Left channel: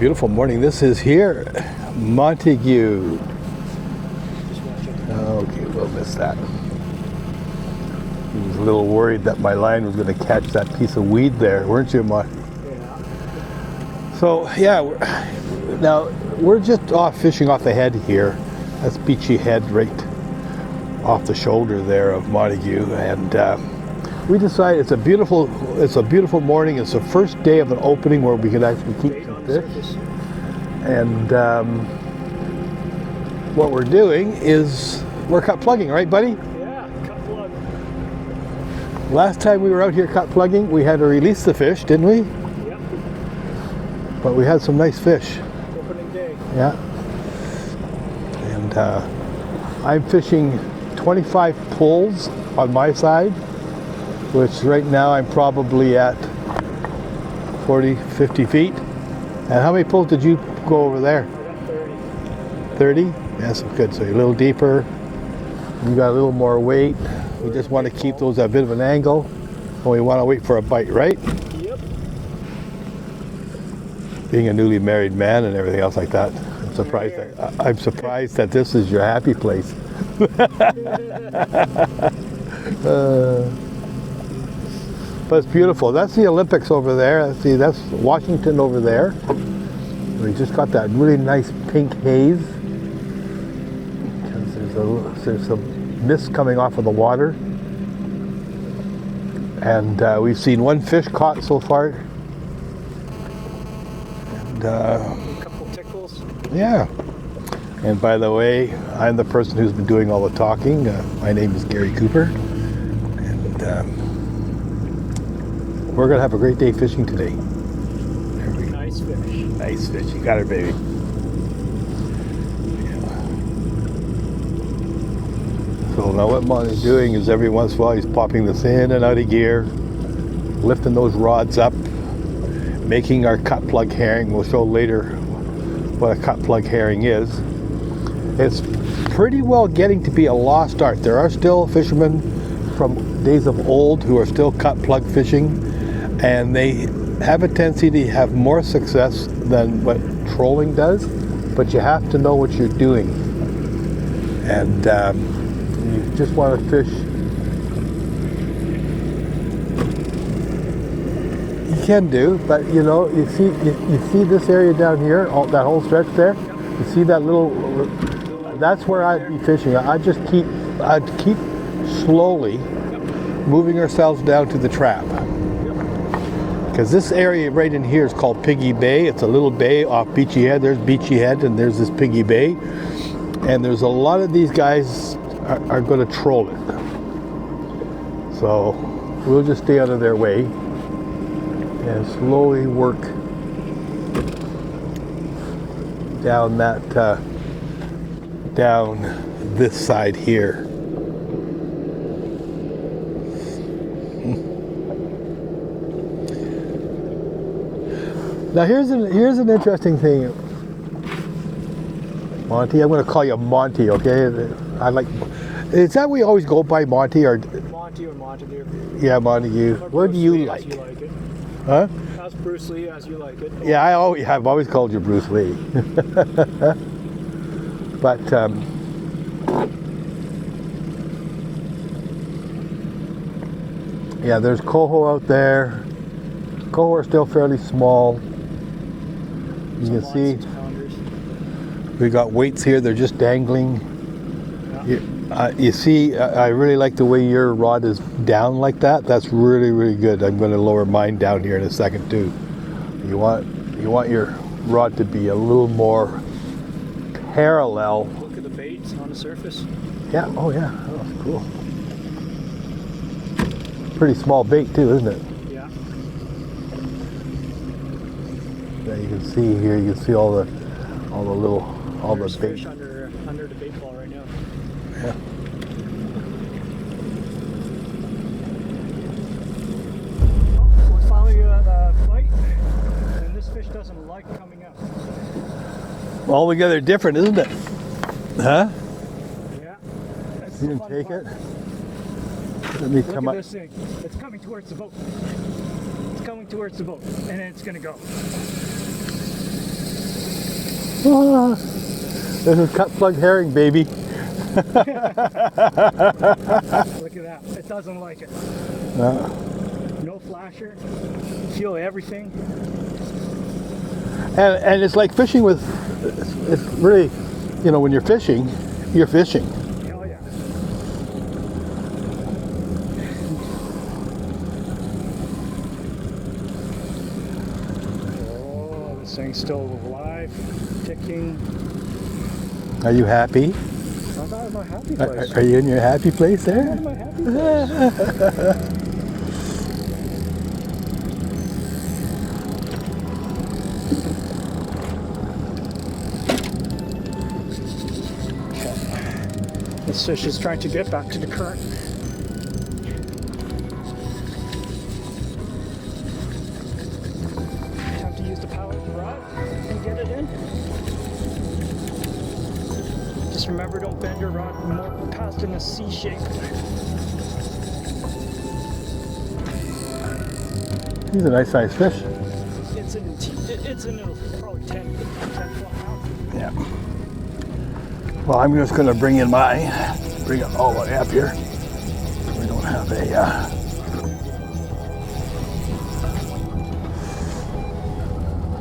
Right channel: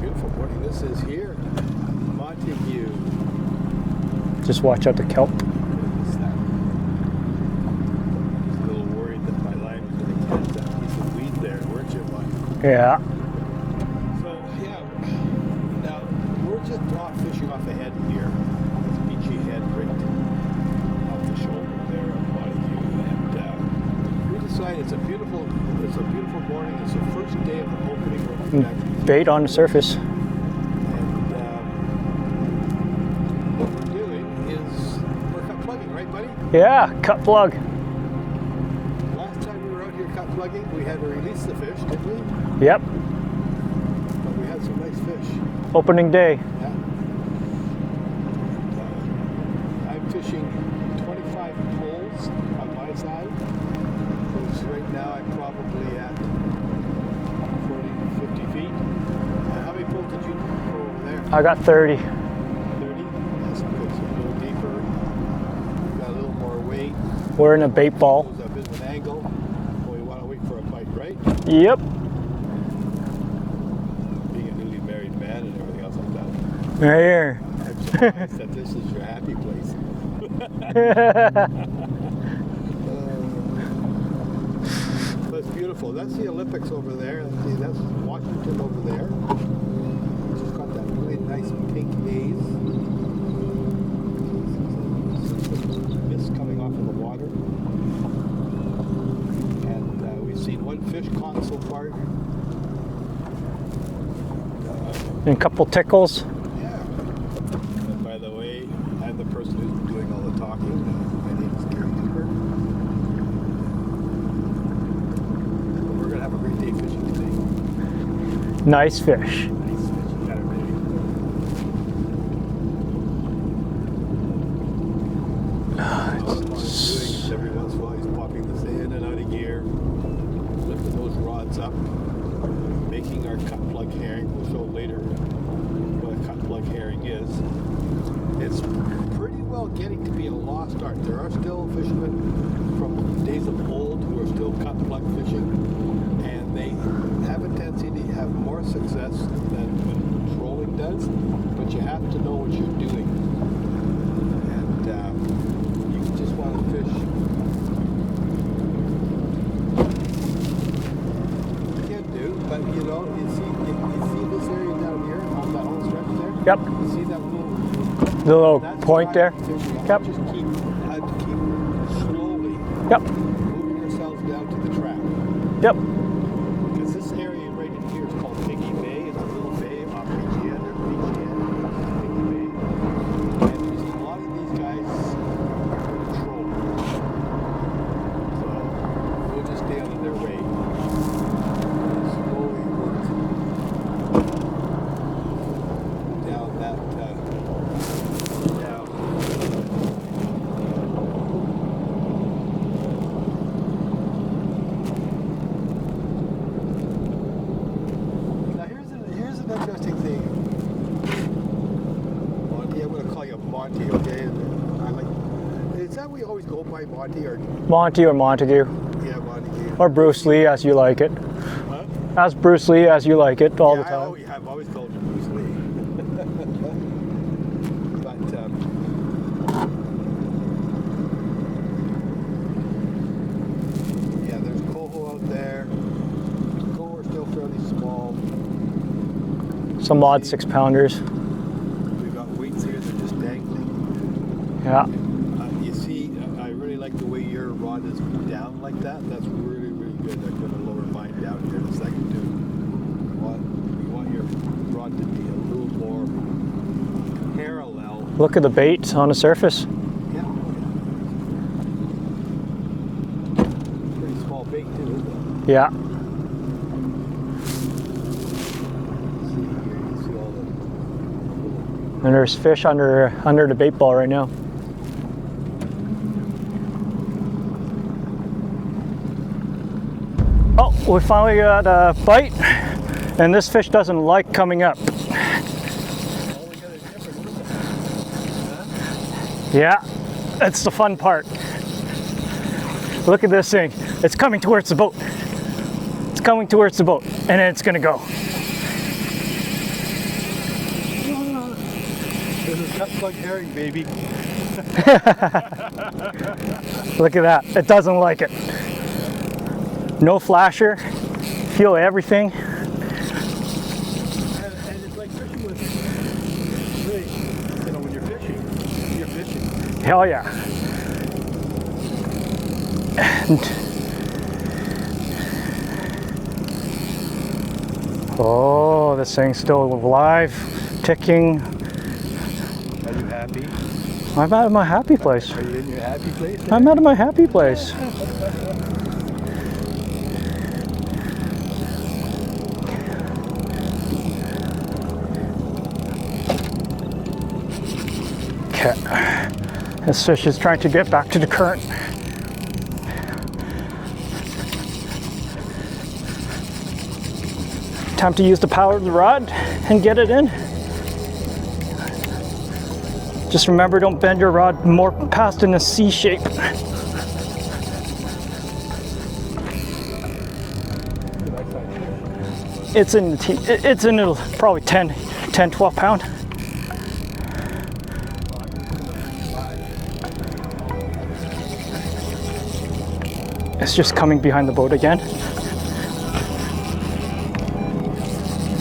beautiful morning. This is here, Montagu. Just watch out the kelp. Okay, we'll miss that. I was a little worried that my line was going to catch that piece of weed there, weren't you, Mon? Yeah. So, yeah, now we're just fishing off the head here. That's Beachy Head right off the shoulder there of Montagu, and we decided it's a beautiful morning. It's the first day of an opening where we can actually keep bait on the surface. And what we're doing is we're cut plugging, right, buddy? Yeah, cut plug. Last time we were out here cut plugging, we had to release the fish, didn't we? Yep. But we had some nice fish. Opening day. Yeah. And I'm fishing 25 pulls on my side, which right now I'm probably at 40, 50 feet. And how many pulls did you go over there? I got 30. 30? That's good. So you're a little deeper. You got a little more weight. We're in a bait ball. Keep those at a bit of an angle. And we want to wait for a bite, right? Yep. Being a newly married man and everything else like that, I'm surprised that this is your happy place. But it's beautiful. That's the Olympics over there. See, that's Washington over there. We just got that really nice pink haze. There's some mist coming off of the water. And we've seen one fish caught so far. And a couple tickles. Yeah. And by the way, I'm the person who's been doing all the talking. My name is Gary Cooper. And we're going to have a great day fishing today. Nice fish. Nice fish. You got her, baby. So now what Monty's doing is every once in a while he's popping this in and out of gear, lifting those rods up, making our cut plug herring. We'll show later what a cut plug herring is. It's pretty well getting to be a lost art. There are still fishermen from days of old who are still cut plug fishing, and they have a tendency to have more success than what trolling does, but you have to know what you're doing. And you just want to fish. You can do, but you know, you see this area down here, that whole stretch there? Yep. You see that little that's where I'd be fishing. Yep. I'd keep slowly moving ourselves down to the trap. Yep. Because this area right in here is called Piggy Bay. It's a little bay off Beachy Head. There's Beachy Head and there's this Piggy Bay. And there's a lot of these guys are going to troll it. So we'll just stay out of their way and slowly work down down this side here. Now here's an interesting thing, Monty. I'm going to call you Monty, okay? Is that we always go by Monty or Montagu? Yeah, Montagu. Or Bruce Lee, as you like it. Huh? As Bruce Lee, as you like it. Yeah, I've always called you Bruce Lee. But yeah, there's coho out there. Coho are still fairly small. Some odd 6-pounders. We got weights here. They're just dangling. Yeah. You see, I really like the way your rod is down like that. That's really, really good. I'm going to lower mine down here in a second too. You want your rod to be a little more parallel. Look at the bait on the surface. Yeah. Oh yeah. Oh, that's cool. Pretty small bait too, isn't it? Yeah. You can see here. You can see all the little. And there's fish under the bait ball right now. Yeah. Oh, we finally got a bite, and this fish doesn't like coming up. Altogether different, isn't it? Huh? Yeah, that's the fun part. Look at this thing. It's coming towards the boat. It's coming towards the boat, and then it's gonna go. This is cut plug herring, baby. Look at that. It doesn't like it. No flasher. Feel everything. And it's like fishing with, it's really, you know, when you're fishing, you're fishing. Hell yeah. And oh, this thing's still alive, ticking. Are you happy? I'm out of my happy place. Are you in your happy place there? I'm out of my happy place. Okay. This fish is trying to get back to the current. Time to use the power of the rod and get it in. Just remember, don't bend your rod more past in a C shape. He's a nice sized fish. It's in probably 10, 12 pound. Yeah. Well, I'm just going to bring it all the way up here. I don't have a, It's just coming behind the boat again.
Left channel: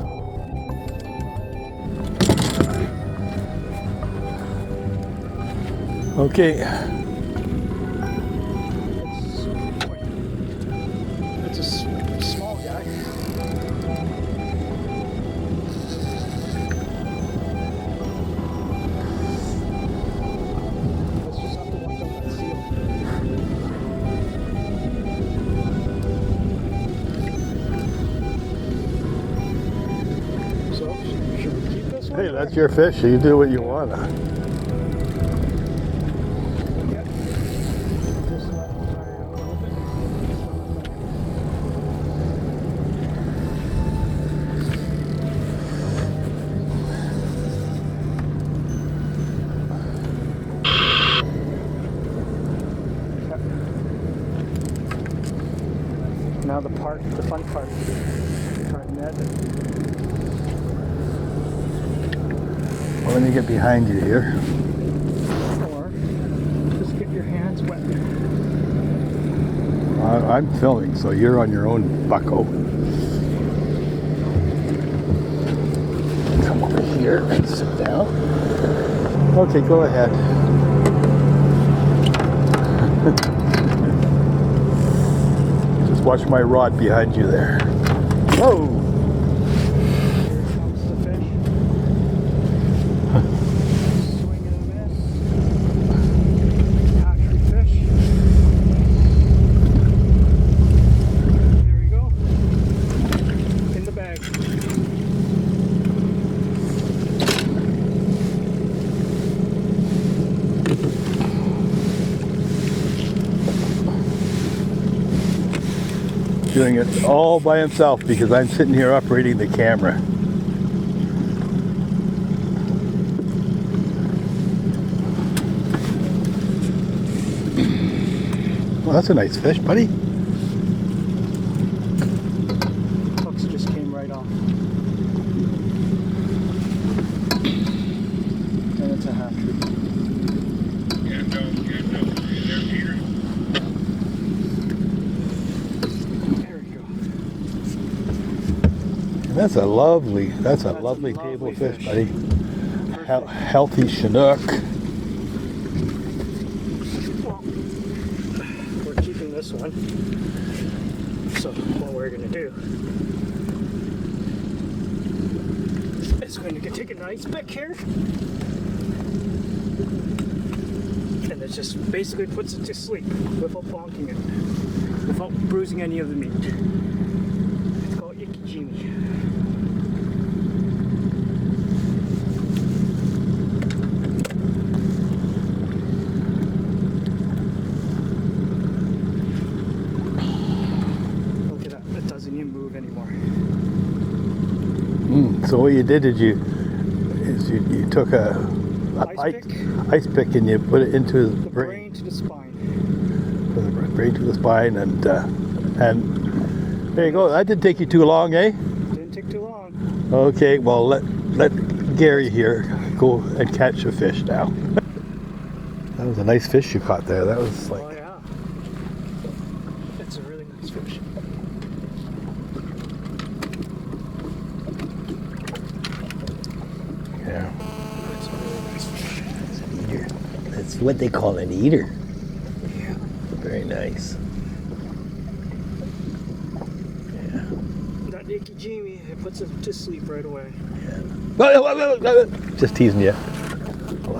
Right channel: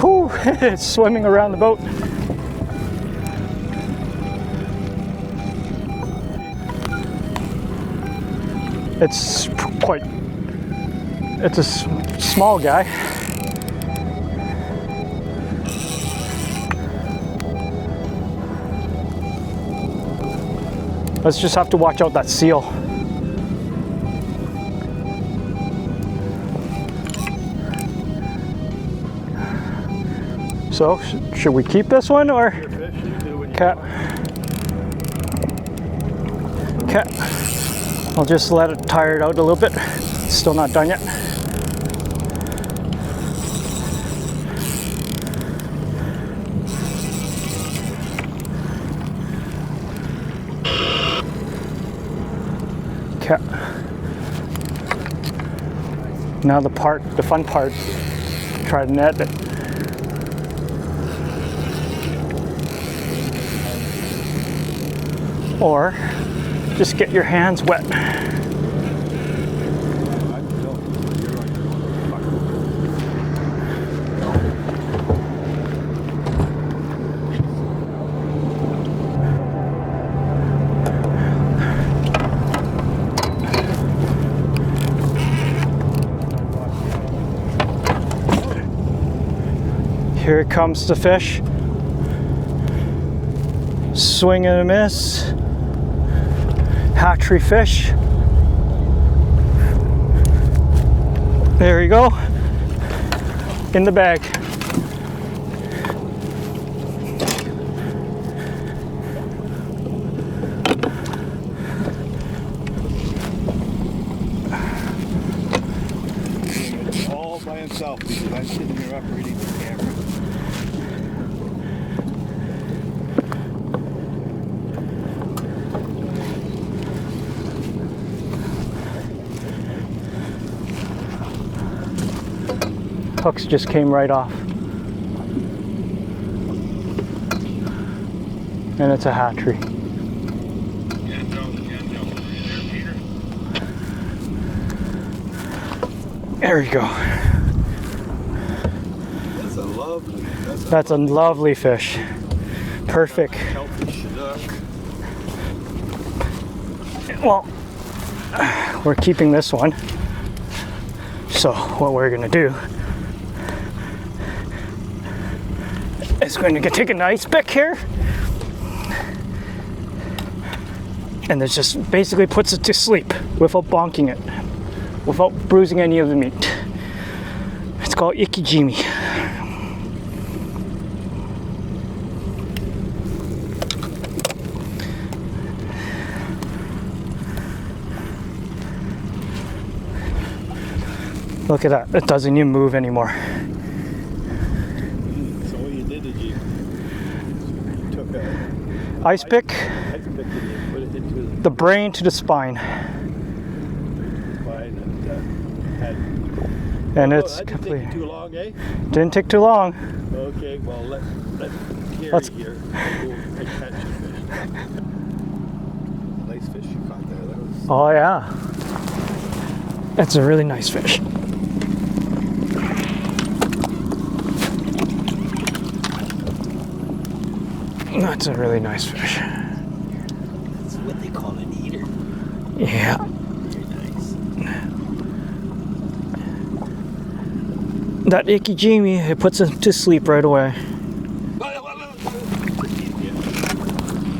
Whew, it's swimming around the boat. Okay. It's a small guy. Let's just have to watch out that seal. So, should we keep this one or? That's your fish, so you do what you want. Okay. I'll just let it tire it out a little bit. It's still not done yet. Okay. Now the fun part, try to net it. I'm going to get behind you here. Or just get your hands wet. I'm filming, so you're on your own, bucko. Come over here and sit down. Okay, go ahead. Watch my rod behind you there. Oh! Here comes the fish. Swing and a miss. Hatchery fish. There you go. In the bag. Doing it all by himself because I'm sitting here operating the camera. Well, that's a nice fish, buddy. Hooks just came right off. And it's a hatchery. There you go. That's a lovely fish. buddy. Perfect. Healthy Chinook. Well, we're keeping this one. So what we're gonna do is going to take a nice pick here, and this just basically puts it to sleep without bonking it, without bruising any of the meat. It's called ikijimi. Look at that, it doesn't even move anymore. So what you did is you took a ice pick and you put it into the brain to the spine. Put the brain to the spine and that didn't take you too long, eh? Didn't take too long. Okay, well let Gary here. Go and catch a fish now. That was a nice fish you caught there. That was. Oh yeah. That's a really nice fish. Yeah. That's a really nice fish. That's what they call an eater. Yeah. Very nice. That ikijimi, it puts him to sleep right away. Just teasing you.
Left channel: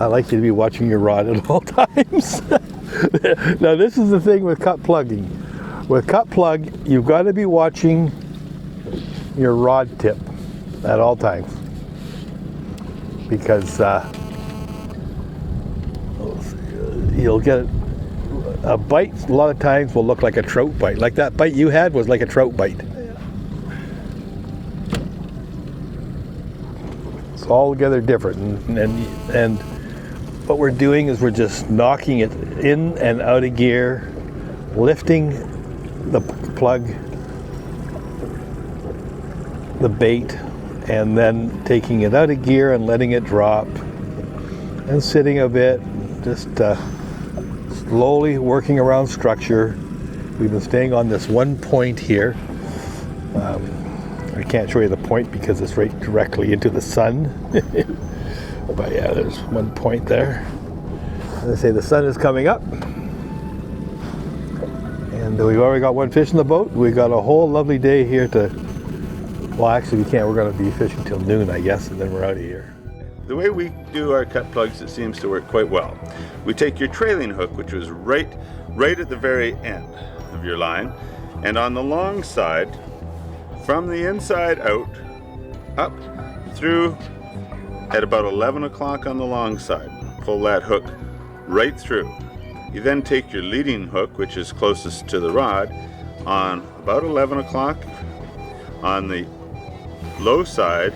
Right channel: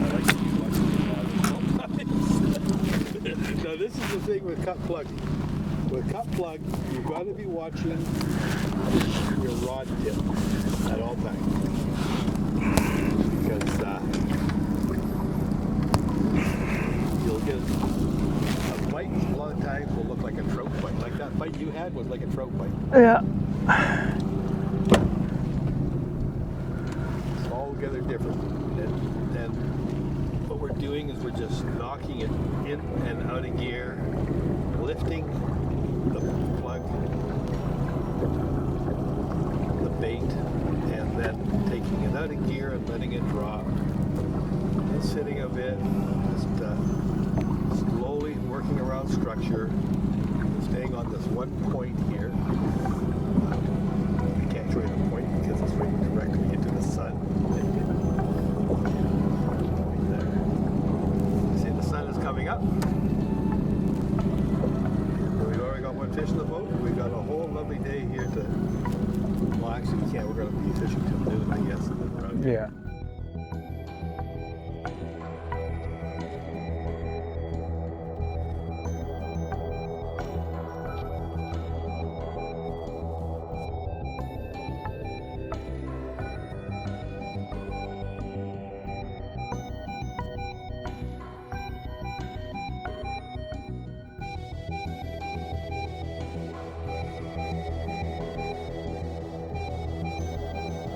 I like you to be watching your rod at all times. Now this is the thing with cut plugging. With cut plug, you've got to be watching your rod tip at all times. Because you'll get a bite a lot of times will look like a trout bite. Like that bite you had was like a trout bite. Yeah. It's altogether different. And what we're doing is we're just knocking it in and out of gear, lifting the plug, the bait, and then taking it out of gear and letting it drop and sitting a bit, just slowly working around structure. We've been staying on this one point here. I can't show you the point because it's right directly into the sun. But yeah, there's one point there. As I say, the sun is coming up. And we've already got one fish in the boat. We've got a whole lovely day here to, well actually we can't, we're going to be fishing till noon I guess, and then we're out of here. The way we do our cut plugs, it seems to work quite well. We take your trailing hook, which was right at the very end of your line, and on the long side, from the inside out, up through at about 11 o'clock on the long side. Pull that hook right through. You then take your leading hook, which is closest to the rod, on about 11 o'clock on the low side,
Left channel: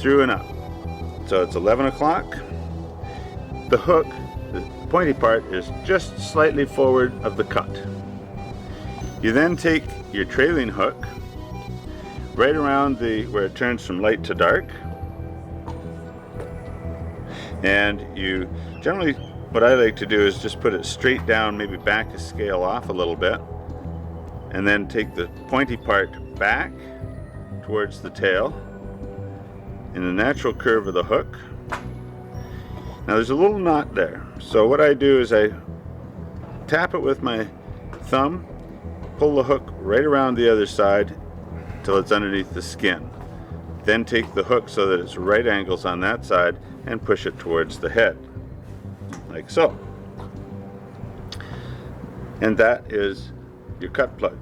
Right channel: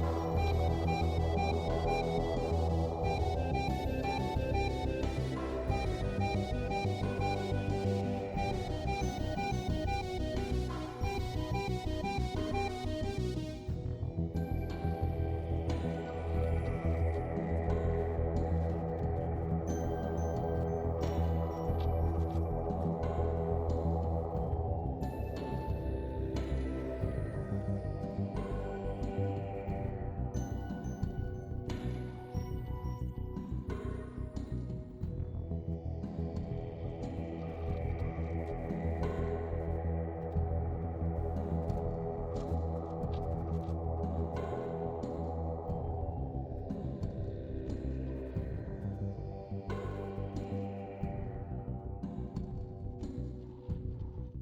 through and up. So it's 11 o'clock. The hook, the pointy part, is just slightly forward of the cut. You then take your trailing hook right around where it turns from light to dark, and you generally, what I like to do is just put it straight down, maybe back a scale off a little bit, and then take the pointy part back towards the tail in the natural curve of the hook. Now there's a little knot there, so what I do is I tap it with my thumb, pull the hook right around the other side till it's underneath the skin. Then take the hook so that it's right angles on that side and push it towards the head, like so. And that is your cut plug.